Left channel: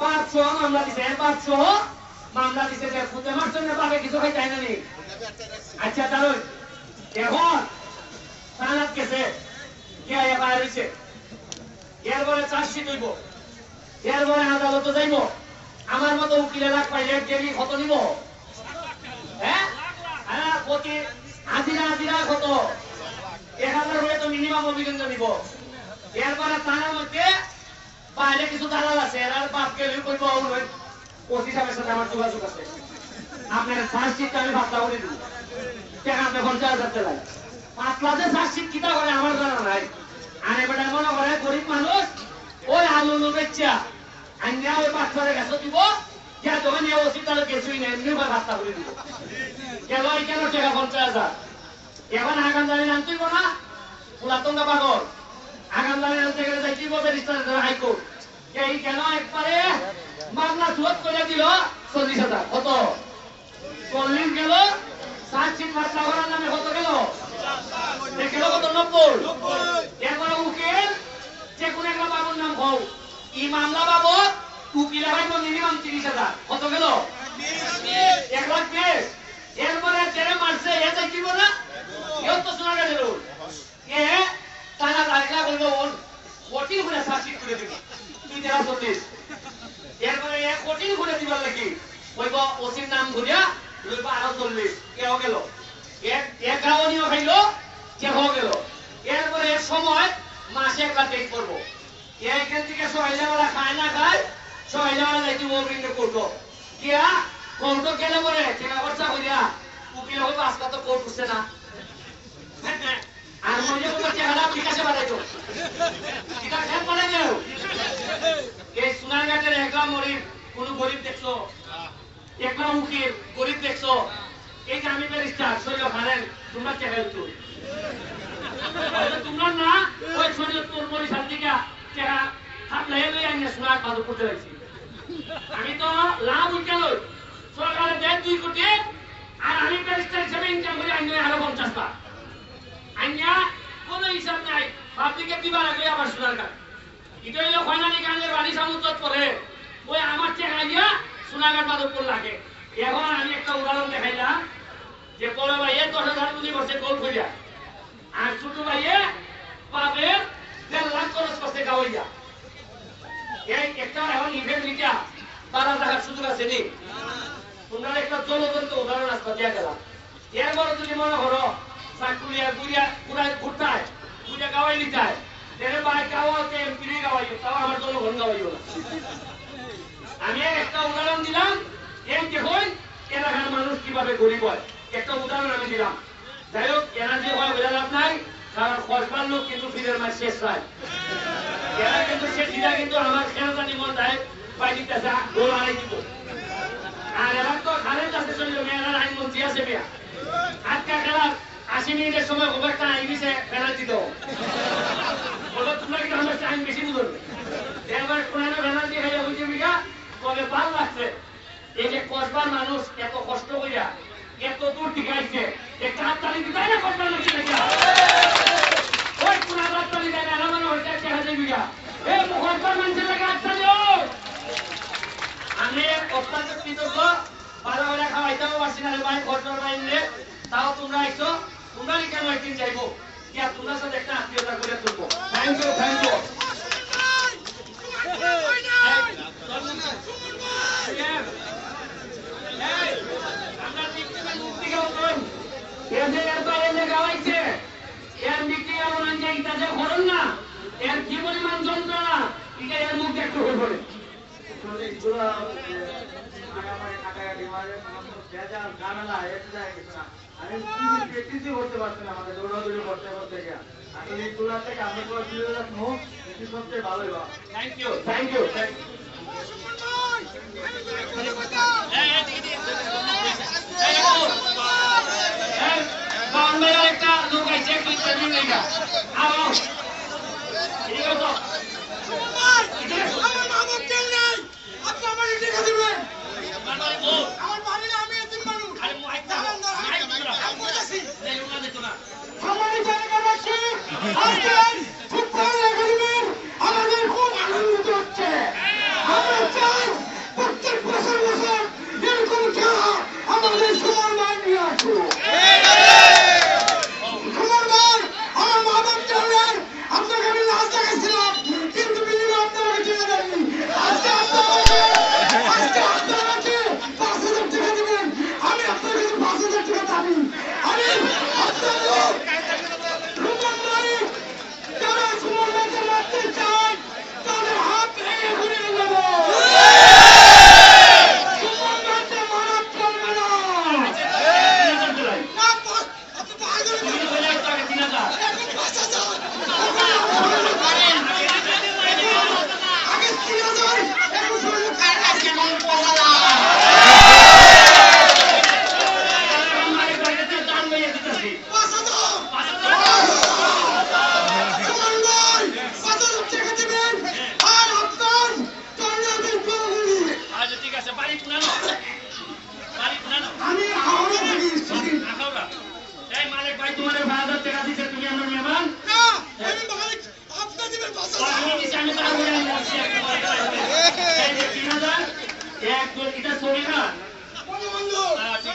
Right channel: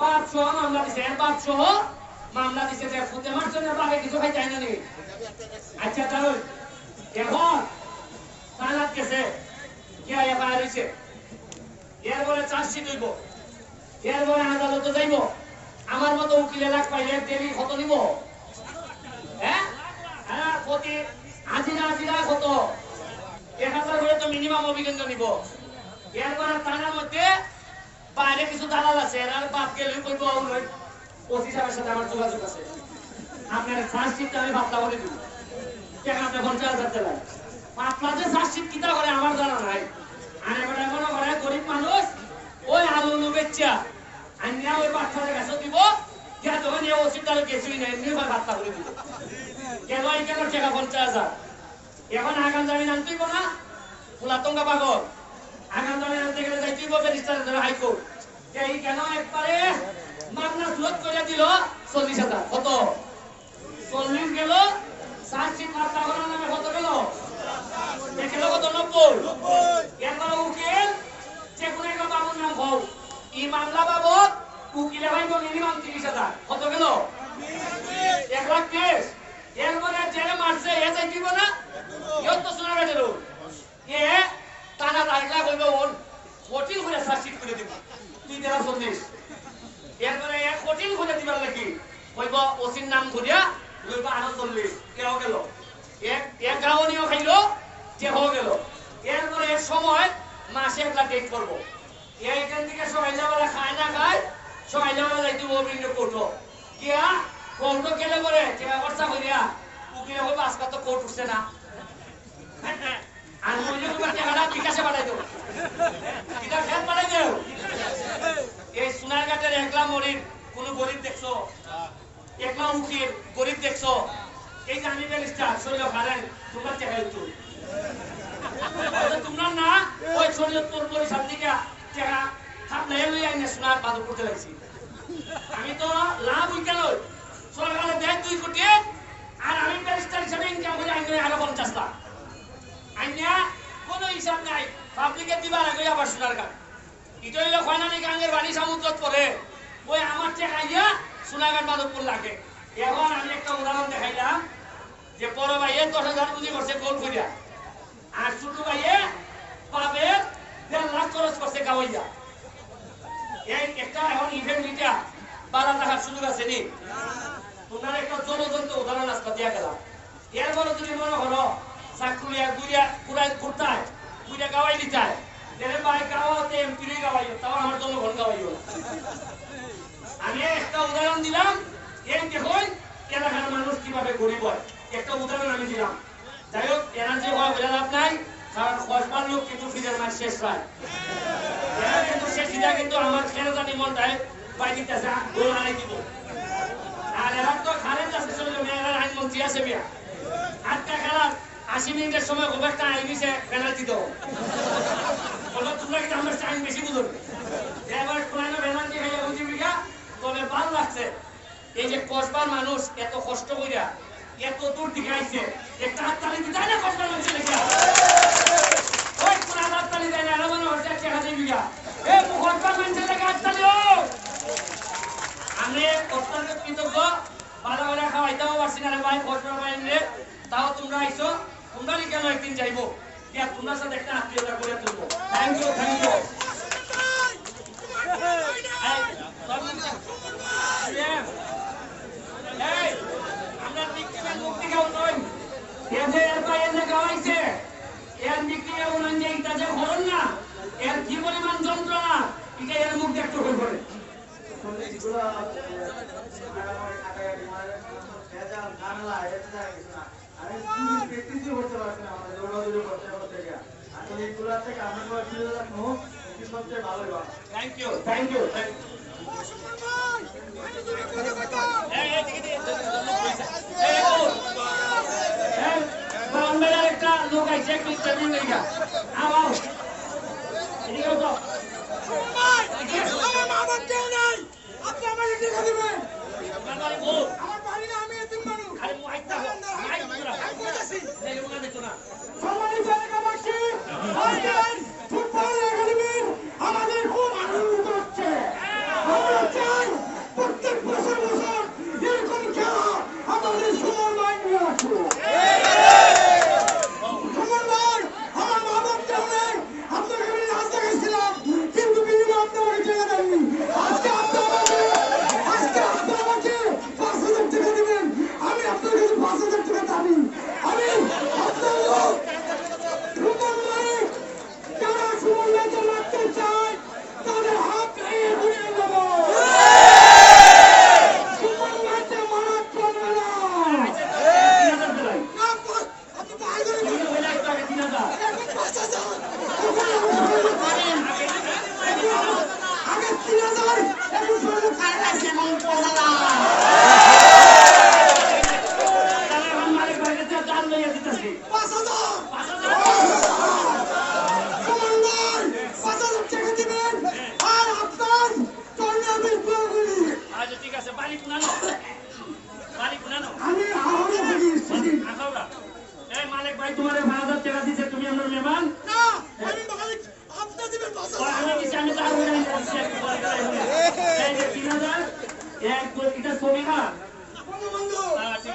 500 মামলা দিছে 500 মামলা দিছে যে ফুটে মারছে না পাবে কিছু খাই চাই না নি আচ্ছা দাঁড়াও এখন থানাত গেছে কে এফআইআর হইছে এরপরে চার্জশিট হইব এরপরে আদালতে যাইব আমার মতো উকিল লাখ পাইলে গেলি কত নিব হ্যাঁ হ্যাঁ প্রতি হাজিরা কত 1000 হলে তো মিনিমাম অভিকেন্দ্র নিব এরপরে থানার মধ্যে বাইরে কিছু দালাল আছে এর বাদ গেলে কইব ওসি সাহেবের সাথে আমার যোগাযোগ আছে আপনার চার্জশিট আমি বাতলা করে দিব টাকা আপনি 50,000 টাকা পাতলাতে চার্জশিট কিটা করে আমার জানা নাই আর এবারে মনে করে গরিব মানুষ ওই আলু বেচা আন্যা ওই পাথরের কাছে দিব যা দোকানে ওসি তার কিছুই নাই এমনি বাতলা করে দিব কেন এই কেন টাকা 50,000 এখন আগাম জামিন আনতেই না পুরাতনটা পাগল আগাম জামিন আনতে গেলে যাই কি বলবে রেজিস্ট্রার করে হাইকোর্ট এই কেন একবারে মামলা সুরত করে দিল 40,000 কত 40 গেল চার্জশিট মামলা করার নামে কত গেল দেখলো কত 90 এরপরে উকিল যে কোন একটা বাবুর নাম হও এই মামলা বাবদ উকিল ভাই মিনিমাম 30,000 কত গেল 1,20,000 এরপরে জেরে মারছে এ যাই দিব না এও তো শোনা গেল এ টানা লাগলা বলবো কঠিন করে চার্জশিট করে দিব তুই যারা 40 এরপরে এ কঠিন করে দিবার লাগি কইব ওসির নাম ধরিয়া লইব আরো 40 কেও গেল এক গাওনিও খাইলো যে হয়ে গেল এরপরে এর সময় মাসে একটা ডেট করব এইখান থেকে সবাই যাওয়ারা খায় না খায় সবাই যাওয়ারা যাইতে অভিন্ন করবো কিয়া কোর্ট গেলে পরে টাকা খরচা কইরা উকিল হবে আজকে তো কোর্ট উঠছে না আর মনে করে টাকাটা বিকাশে পাঠাইতো এটা খেপ পাঠাই দেও এই সোনারঘাটের একলা মরির কোন গরিব দেখছো একলা উকিল গরিব দেখছো এই যে আমি ব্যারিস্টার সৈয়দ হারেন তোমরা টাকা দিতো তোমরা না ওই সৈয়দ তোর বরিশাল থেকে টাকা খাপলে লই আইনে সোনার বাদু করতে লাগছি আমি তো লাভ উইকা লই সরকারের দেয় 2 কোটি আর আমি ব্যারিস্টার হিসেবে ইনকাম করে আইনে আরো 50 লাখ আইনা কোনো হিসাব নাই পাবলিকে দিবার আগে আবার সোনার কাট এটা হইলে ফাইনালি গাঙ্গের বাড়ি সামুদ্রত করে ওই আমার টাকা দিয়া সোনারঘাট মাধবপুর লাগে এখন আমি একটা উদাহরণ দেখাইলাম যে বড় ভাইয়ে 10,000 পুঁজি করছে গোল করিয়া আর ছোট ভাইয়ে পাবে 1.5 লাখ খরচ করছে গাওয়াইয়া এই একটা এখন ইভেন্ট নিটা 12 টাকার সুযোগ আছে নি তোমরা একটা জলজন্ত উদাহরণ আসতে দিয়া গেলাম এরপরে যদি মনে করো চাকুলিয়া গুড়িয়া কুড়াই ঘুরতায় গুড়িয়া গাওয়াই নিতায় এর ভাই গাওয়াতে এমপি রে গাওয়াইও তাও আমার জনগণ গাওয়াইও আমি একটা উদাহরণ দিলাম এই দেখুন এলাকার মানুষ কিভাবে গরিব হয় একটা উদাহরণ আমি দিলাম যাই হোক এরা যে হয় বোঝা লাভ নাই কারণ কসবার লোক কিন্তু ফিরের মাস শেষ হয় এরা কিন্তু শেষ দিদা কিন্তু আমার খেলাটা নিমন দেয় পাই দিতেছে গোল আনাই দিব আর এরা তো খালের কাছে চলে মেয়েরা আইন মন্ত্রী আছে মেয়া আজকা খেলা 80 মিনিটের সময় খুব একটা আইন দিছে পেনাল্টি দাও বলো তোমরা কি আমার আইন বেশি বুঝো এবার কোন পেনাল্টি খাইয়া বুঝে বিঘা তবে ভালো লাগছে এই যে কসবার মানুষ এত কষ্ট কইরা এত দূর থেকে আইছে একটা হাততালি দিতে না কসবার মানুষ ওই কোন হাততালি দেয় না মনে হচ্ছে 1,000 বিঘা এই কসবার মানুষের লাগে হাততালি আমি অত্যন্ত কৃতজ্ঞ ভালো করে খাওয়াইতেও পারছি না ভাই কসবার বাইরে তাও তোমরা আইছো তোমরা কেন একদিন যাইবো ইয়া তোমার সাথে একটা আত্মীয়তা করে তুলবো থ্যাংক ইউ আমরা মুক্তি গাউন এর গাওয়াইছে এর বিক্রি এমন যে এটা যে হরণ না এর কি পরিমাণ যন্ত্রণা এটা এর মুখ দেখতে হবে আমি প্র্যাকটিসই করতে পারছি না আমাদের দৌড়াদৌড়ি করতে করতে গিয়ে আসলে এইগুলো থেকে আমরা করে তুলে রাখবো এটি সবচেয়ে ভালোই বা থ্যাংক ইউ একটা লোক আইছে একটু ইন্টারভিউ নেইগা আও এদিকে তো আমার কেউ নাই আপনি আমার টাকা দিবেন আমার বাড়ি না আমি এতিম মানুষ আরে মাইক না আমি বলতেছি এই লোক দেখো না সবাই জায়গাবাসী আজকের ফুটবল একাডেমির আমাদের খুব আনন্দিত হচ্ছে আমরা চাই তোমার 5,000 টাকা দিছে তুমি আমার মেহমান না আমি মালিক আপনি দিবেন 5,000 আমি দিছি আমি তো আগুন বলছি একটু পরে এই যে 3,000 এক এটা ছবি না বন্ধু বন্ধু ঠিক